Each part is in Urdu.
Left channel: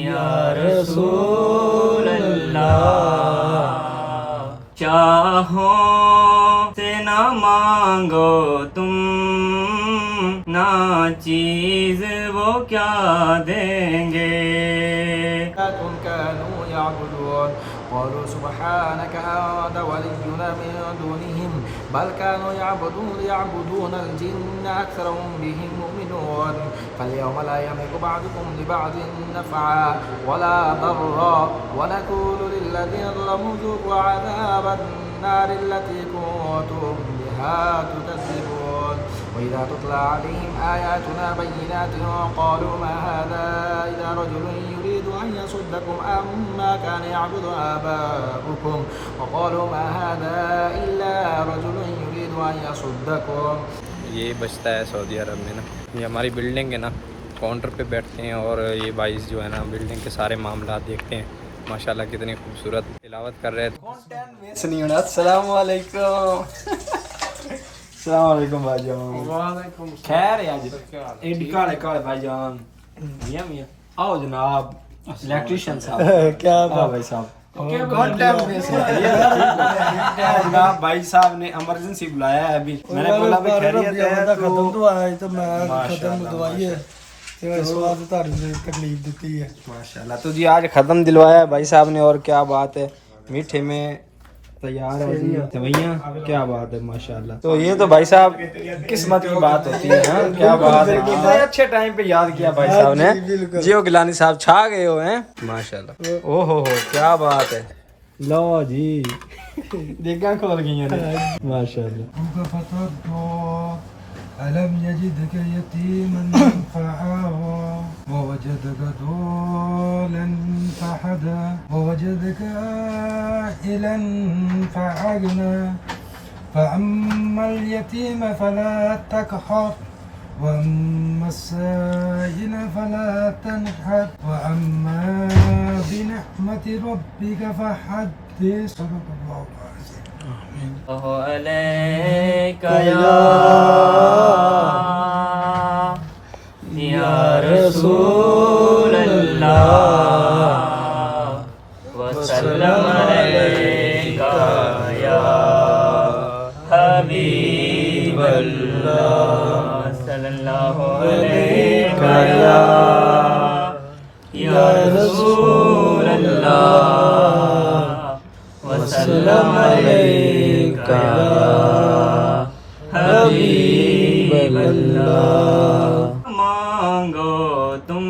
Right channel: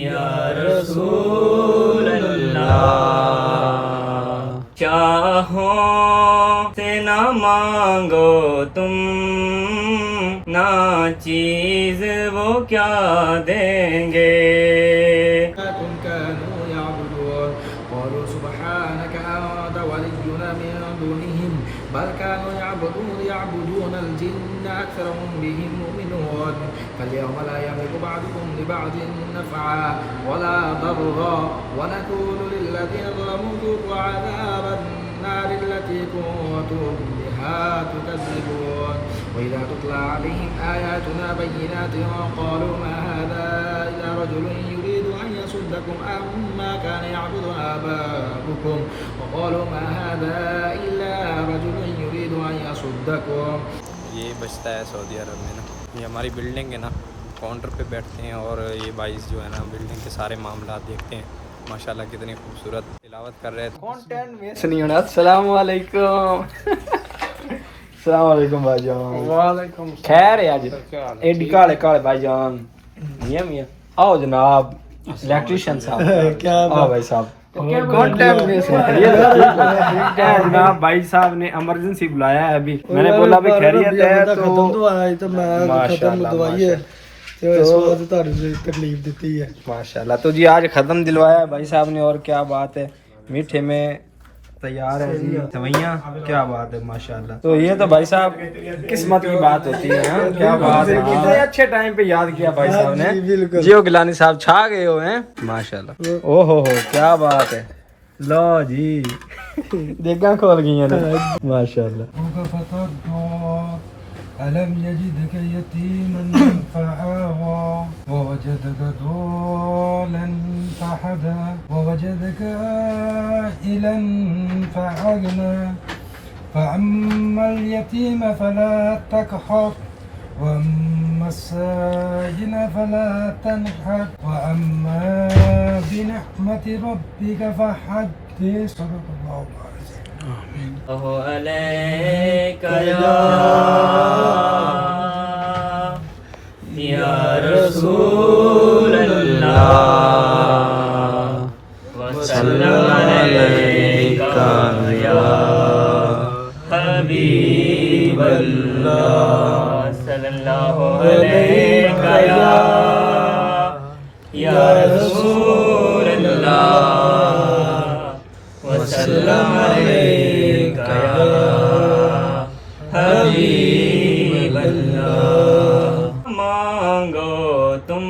یا رسول اللہ، چاہو سے نہ مانگو تم، نہ چیز وہ کیا دیں گے. كانوا يعبدون قالوا سبحانك أنت ولينا من دونهم بل كانوا يعبدون الجن أكثرهم بهم مؤمنون فاليوم لا يملك بعضكم لبعض نفعا ولا ضرا ونقول للذين ظلموا ذوقوا عذاب النار التي كنتم بها تكذبون. وإذا تتلى عليهم آياتنا بينات قالوا ما هذا إلا رجل يريد أن يصدكم عما كان يعبد آباؤكم وقالوا ما هذا إلا رجل يريد أن يصدكم. یہ بچتا ہے سعودی عرب میں نا، یہ ہماری بلڈنگ ہے نا، کاؤنٹر پہ بیٹھتے ہیں اور یہ بھائی جو ہے نا بلڈنگ کے سارے معاملات دیکھتے ہیں. ماشاءاللہ کتنی خوبصورت تلاوت کر رہے تھے. السلام علیکم. السلام علیکم بھائی جان. وعلیکم خیر ہے. آج ایڈی کالے کالے بھائی جان. میاں میاں آؤ جناب الیکٹریشین صاحب. کیا بھائی صاحب جناب بھائی صاحب نے ایمرجنسی بلایا ہے ابھی. میں نے بولا بھی خیریت ہے تو تکلیف دیتی ہے. ماشاءاللہ تو جی آج ختم دلوایا ہے بھائی صاحب نے. اور کیا بات ہے، میٹھے میں تیار ہے جی سویاں. کیا بات ہے ماشاءاللہ. تو یہ تو بھائی صاحب قسمت کی بات ہوتی ہے. کیا بات ہے، کتنے اچھے ٹائم پہ یاد کیا بھائی صاحب نے. جیو گیلانی صاحب چھا گئے ہو ہیں ماشاءاللہ. او ہو کیا بات ہے. لو جی دیکھاں کھول گئی ہیں ماشاءاللہ. ألم يجدك يتيما فآوى ووجدك ضالا فهدى ووجدك عائلا فأغنى فأما اليتيم فلا تقهر وأما السائل فلا تنهر وأما بنعمة ربك فحدث. صدق الله العظيم. علیک یا رسول اللہ وسلم علیک یا حبیب اللہ صلی اللہ علیک یا رسول اللہ وسلم علیک یا حبیب اللہ. مانگو تم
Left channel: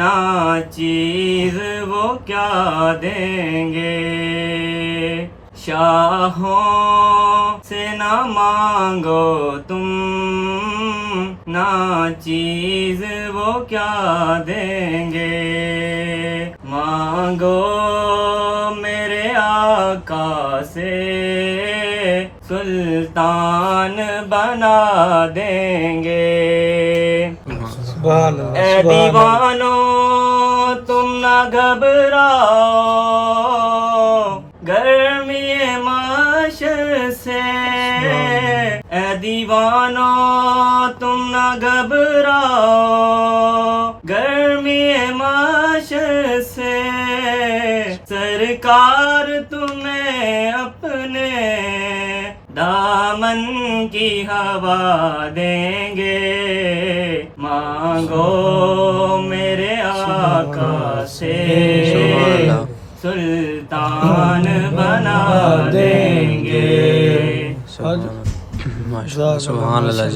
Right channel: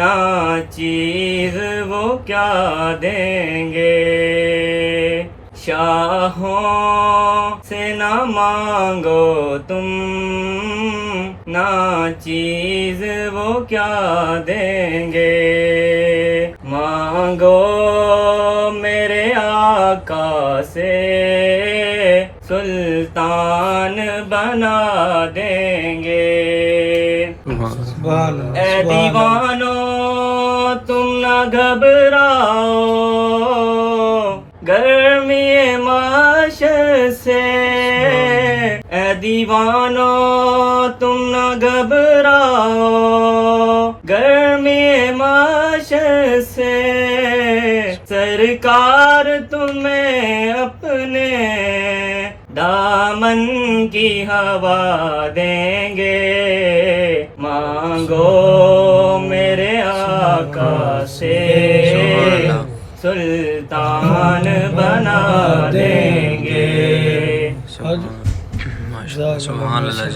نہ چیز وہ کیا دیں گے، شاہوں سے نہ مانگو تم، نہ چیز وہ کیا دیں گے. مانگو میرے آقا سے سلطان بنا دیں گے. اے دیوانو تم نہ گھبراؤ گرمی معاشر سے. اے دیوانو تم نہ گھبراؤ گرمی معاشر سے. سرکار تمہیں اپنے دامن کی ہوا دیں گے. مانگو میرے آقا سے سلطان بنا دیں گے. سبحان اللہ.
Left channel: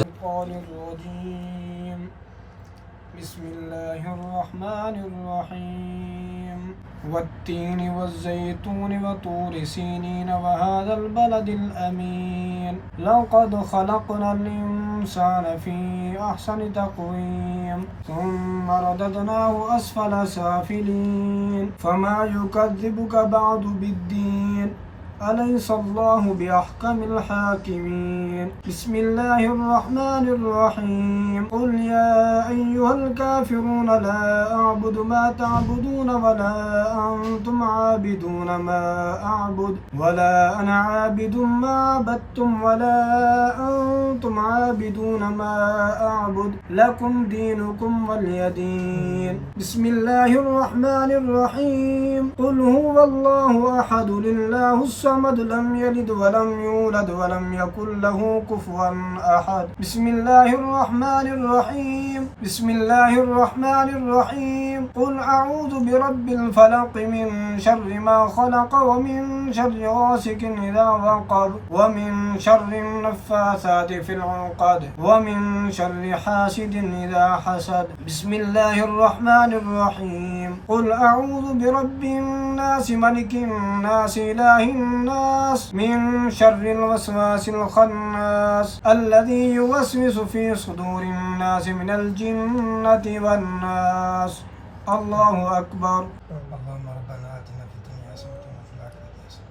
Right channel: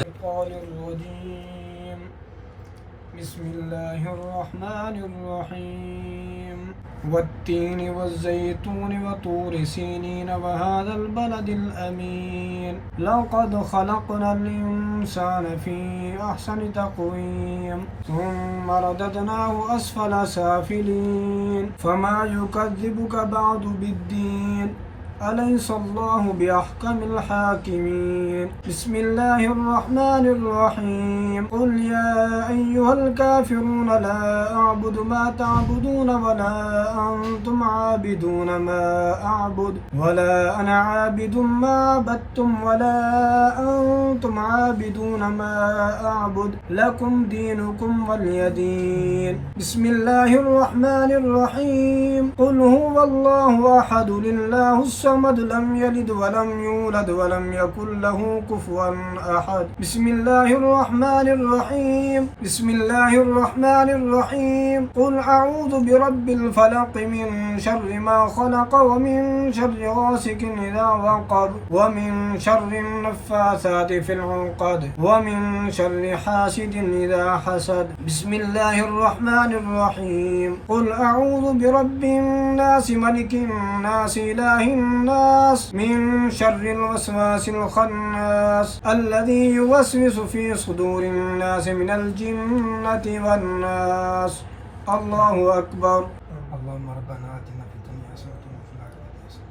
بسم اللہ الرحمن الرحیم. والتین والزیتون وطور سینین وهذا البلد الأمین لقد خلقنا الإنسان في أحسن تقويم ثم رددناه أسفل سافلين فما يكذبك بعد بالدين أليس الله بأحكم الحاكمين. بسم الله الرحمن الرحيم. قل يا أيها الكافرون لا أعبد ما تعبدون ولا أنتم عابدون ما أعبد ولا أنا عابد ما عبدتم ولا أنتم وأنتم عابدون ما أعبد لكم دينكم ولي دين. بسم الله الرحمن الرحيم. قل هو الله أحد الله الصمد لم يلد ولم يولد ولم يكن له كفوا أحد. بسم الله الرحمن الرحيم. بسم الله الرحمن الرحيم. قل أعوذ برب الفلق من شر ما خلق ومن شر غاسق إذا وقب ومن شر النفاثات في العقد ومن شر حاسد إذا حسد. بسم الله الرحمن الرحيم. قل أعوذ برب الناس ملك الناس إله الناس من شر الوسواس الخناس الذي يوسوس في صدور الناس من الجنة والناس. الله أكبر. اللهم ربنا آتنا في الدنيا حسنة وفي الآخرة حسنة.